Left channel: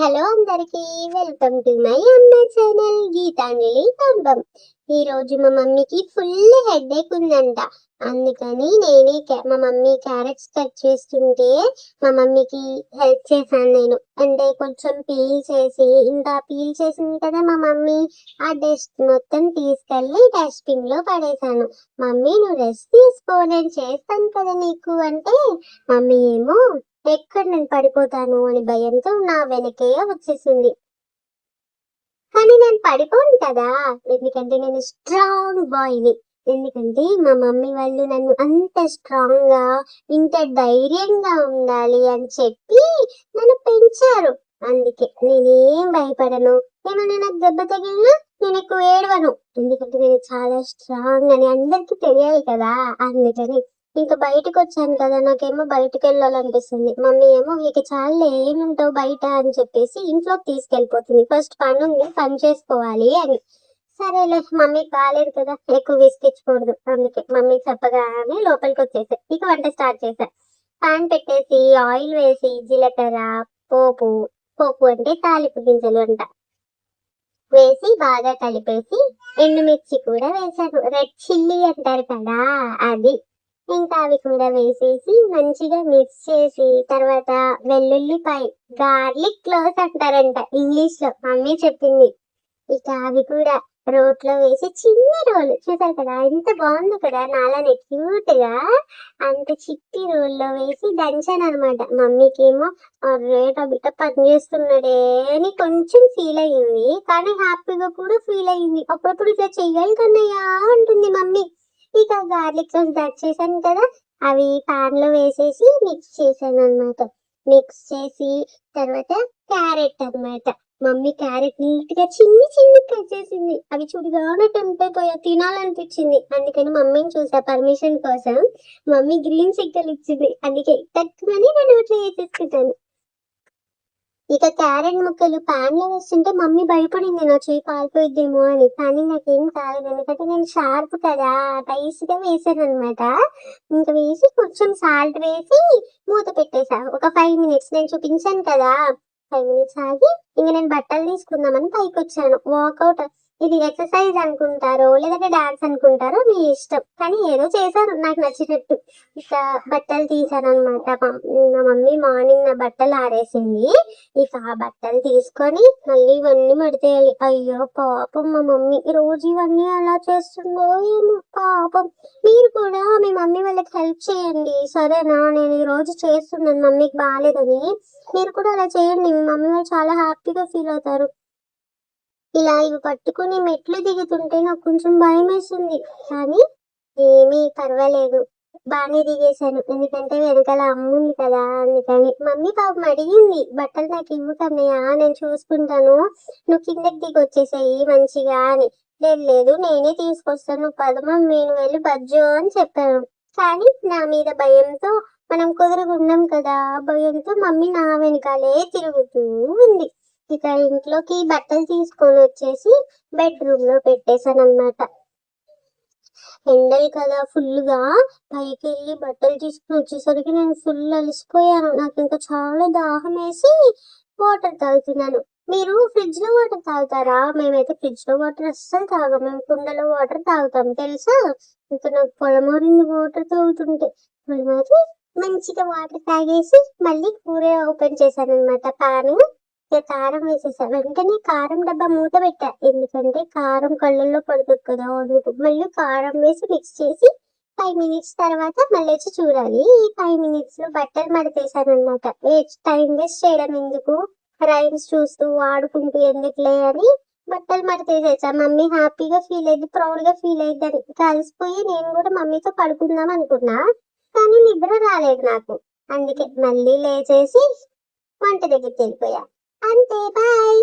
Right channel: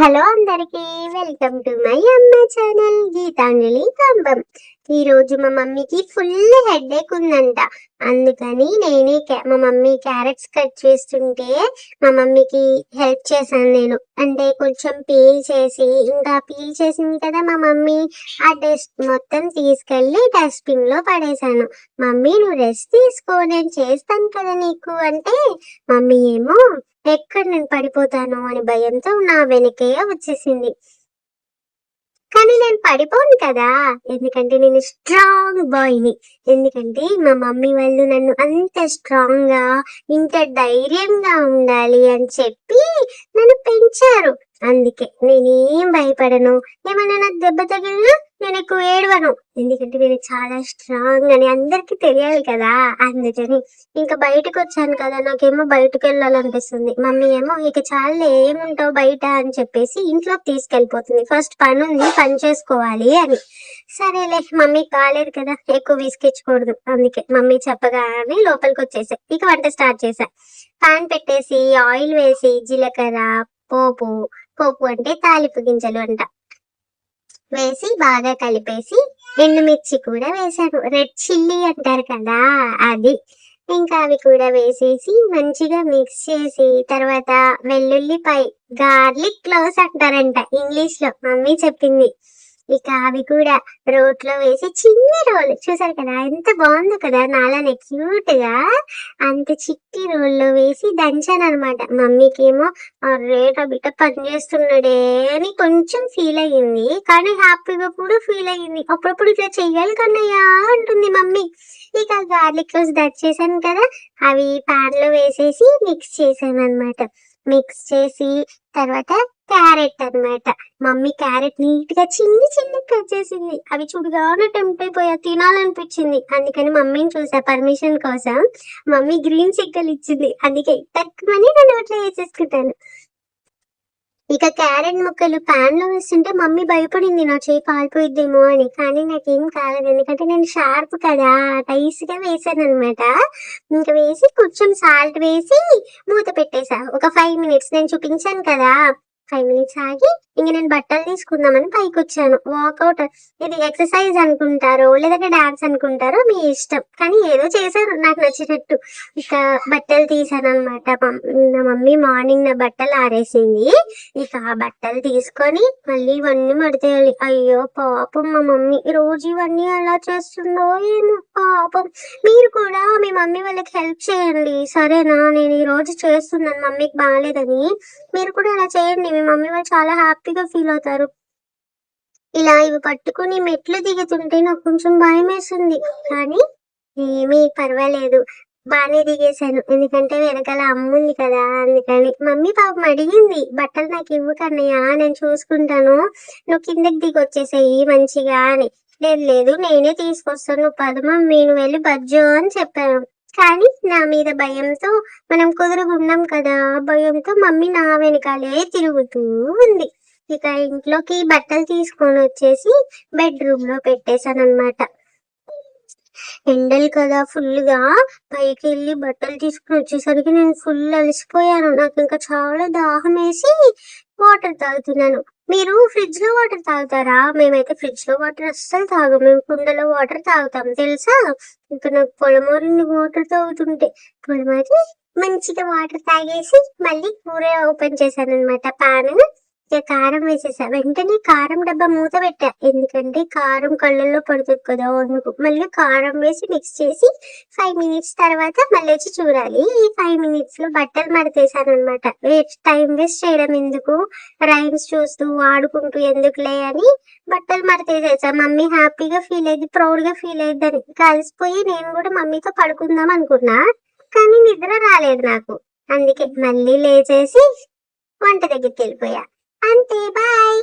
Hello అందరికి, welcome to my అమ్మ channel Gitanjali కంబం. ఈ రోజు మా మమ్మీకి ఫుల్ హెడేక్ ఉందంట. అందుకని నేనే మా మమ్మీ క్యారెట్స్ కట్ చేస్తుంటే మా మమ్మీకి హెల్ప్ చేశాను నేను. అంటే కొంచెం పీల్ చేసి, ఇంకా పీల్ చేసింది కదా మా మమ్మీ, ఆ డస్ట్ మొత్తం తీసుకెళ్లి డస్ట్బిన్ లో పడేశాను. మమ్మీ నువ్వు రెస్ట్ తీసుకో, నేను చేస్తాను కదా నీకు అంటే, మమ్మీ ఏమో ఎక్కడ నేను పడిపోతాను అని భయంతో నా వెనకే వచ్చేసింది. కానీ నేను పడిపోను కదా, ఎందుకంటే నేను స్ట్రాంగ్ బాయ్ని. ఎందుకంటే మా మమ్మీ వాళ్ళు నన్ను అంత స్ట్రాంగ్ గా, ఇంత ధైర్యంగా ఉండాలి అని చెప్పి నన్ను పెంచారు. అందుకే నేనేం భయపడను. ఏమైనా నాకు దెబ్బ తగిలినా నేను ఎక్కువ ఏడవను, ఎందుకంటే నేను చాలా స్ట్రాంగ్ అని అందరికి తెలియాలి కదా. అందుకని ఇంకా బయటకు వచ్చాను కదా, నాకేమో బయటకు వెళ్ళాలనిపిస్తుంది. మమ్మీ ఏమో ఇక చాలా ఏముంటావు బయట అని చెప్పేసి ఇంట్లోకి తీసుకెళ్ళిపోతుంది. ఫస్ట్ పని ఉంది, పని చేసుకోవాలి అని. సరేలే, మమ్మీ కాలేదు కదా, ఎక్కువ విసికించకూడదు. అందుకే మమ్మీ చెప్పగానే లోపలికి వచ్చేసా. ఇక వంట స్టార్ట్ చేశా. పాన్ పెట్టేసి ఆయిల్ వేసి జీలకర్ర, పోపు పోపు అంటే తాలింపు గింజలు అంట, వేసి బాగా కలిపేసి ఎండుమిర్చి కూడా వేసాను. రెడ్ చిల్లీ అంటారు కదా అది. ఇంకా అవి కూడా వేసేసి మంచిగా మిక్స్ చేసి, తర్వాత వెల్లుల్లిపాయ, గార్లిక్ క్లోవ్స్ అంటారంట ఇంగ్లీష్ లో, మమ్మీ చెప్పింది. ఇక అవి కూడా రోట్లో వేసి, చిన్న రోల్ చూసారు కదా ఎంత బాగుందో కదా, నాలానే క్యూట్ గా అంత చిట్టి రోల్లో వేసి దంచాను అనమాట. మమ్మీకి ఏమో అరే నా బిడ్డ పని చేస్తున్నాడే అని కొంచెం ఫీల్ అయ్యింది, కానీ హ్యాపీగా కూడా ఫీల్ అయ్యింది. అప్పుడప్పుడు ఇట్లా చెయ్యాలి కన్నయ్యా అంటుంది మమ్మీ. ఇక గార్లిక్ రోస్ చేశాను కదా, అవి పాన్ లో వేసేసి మిక్స్ చేశాను అనమాట. మిక్స్ చేసి తర్వాత క్యారెట్ అనమాట. మమ్మీ క్యారెట్ నీట్ గా చిన్ని చిన్ని కట్ చేసింది. అవి చూడగానే టెంప్ట్ అయిపోయా, తినాలనిపించింది. అందుకని మమ్మీని చూసా పర్మిషన్ కోసం. మమ్మీ గ్రీన్ సిగ్గలు ఇచ్చింది, అందుకే తక్కువని నేను నోట్లో వేసేసుకుంటాను. ఇక క్యారెట్ ముక్కలు పాన్ లో వేస్తుంటే మమ్మీ భయపడింది నా చేయి కాలిపోయిద్దేమో అని, కానీ నాకేం కాలేదు, ఎందుకంటే నేను షార్ప్ కదా, టైస్ గా వేసాను అనమాట. ఇంకా వేసి కొంచెం సాల్ట్ వేసి మూత పెట్టేసా ఒక 5 minutes. నేను చూపించాను కదా, 5 minutes ఆగి ఇంక నేను బట్టలు తీసుకుందామని పైకి వచ్చాను. వాకౌట్, ఇది ఎక్సర్సైజ్ అనుకుంటారో లేదంటే డాన్స్ అనుకుంటారో మీ ఇష్టం, కానీ ఏదో చేశారు నాకు నచ్చినట్టు. ఇక బట్టలు తీసాను అనమాట. నా మమ్మీ మార్నింగ్ నా బట్టలు ఆరేసింది. ఇక ఆ బట్టలు తీసుకొని మళ్ళీ ఇవన్నీ మడతేయాలి. అయ్యో పాపం మా మమ్మీ రోజు ఇవన్నీ ఎలా చేస్తుందో ఏమో పాపం. మీరు కూడా మీ మమ్మీ వాళ్ళకి హెల్ప్ చేయండి సరేనా, నేను ఈ రోజు చేస్తున్నాను మమ్మీకి బాగాలేదని. మీరు కూడా అలా చేయండి, మీ మమ్మీ వాళ్ళు చాలా హ్యాపీగా ఫీల్ అవుతారు. ఇలా ఇవి పట్టుకుని మెట్లు దిగుతుంటే నాకు కొంచెం భయం వేస్తుంది, కానీ ఏమీ పర్వాలేదు, బాగానే దిగేశాను. ఎందుకంటే వెనకాల అమ్ముంది కదా, అందుకని. మమ్మీ పాపం అడిగింది, బట్టలు నాకు ఇవ్వు కన్నయ్య, నేను చూసుకుంటాను, నువ్వు కిందకి దిగి వచ్చేసేయి మంచిగా అని. లేదు లేదు నేనే తీసుకొస్తాను, నువ్వు పద మమ్మీ, నువ్వు వెళ్ళి బజ్జో అని చెప్పాను. కానీ నా మీద భయంతో, మనం కుదురుగున్నాం కదా, భయంతో మమ్మీ నా వెనకాలే తిరుగుతూ ఉంది. ఇక ఇంట్లోకి బట్టలు తీసుకొని వచ్చేసి బెడ్రూమ్ లో పెట్టేశాను అనమాట. ఎండలు కదా ఫుల్ గా, పైకి వెళ్ళి బట్టలు తీసుకుని వచ్చేసరికి నేను ఫుల్ అలసిపోయాను. నాకు ఇంకా చాలా దాహం వేసి వాటర్ తాగుతున్నాను. మీరు ఫ్రిడ్జ్ లో వాటర్ తాగుతారా? మేమైతే ఫ్రిడ్జ్ లో వాటర్ అస్సలు తాగం, మేము కుండలో వాటర్ తాగుతాం తెలుసా. ఇంకా నాకు పొలమూరింది వాటర్ తాగుతుంటే. పొలమారి మంచిగా వాటర్ తాగేసి మళ్ళీ కూర ఓపెన్ చేశాను అనమాట. పాన్ కారం వేసేసా. వెంటనే కారం డబ్బా మూత పెట్టా, ఎందుకంటే కారం కళ్ళల్లో పడుతుంది కదా అందుకు. మళ్ళీ కారం వేసి మిక్స్ చేసి 5 minutes తర్వాత మళ్ళీ వచ్చి చూడాలి. ఈ 5 minutes లో బట్టలు మడతేసాను అనమాట. టైం వేస్ట్ చేయడం ఎందుకు, రైమ్స్ చూస్తూ ఆడుకుంటూ ఎందుకులే అని బట్టలు మడతేసేసా. మమ్మీ హ్యాపీగా ఫీల్ అయ్యింది, ప్రౌడ్ గా ఫీల్ అయ్యిందని. కలిసిపోయి నేను కూడా మమ్మీతో పడుకుందాం అనుకున్నా, కానీ నిద్ర రాలేదు నాకు. అందుకే మళ్ళీ లేచేసి వంట దగ్గరికి వెళ్ళిపోయా. అంతే, బాయ్.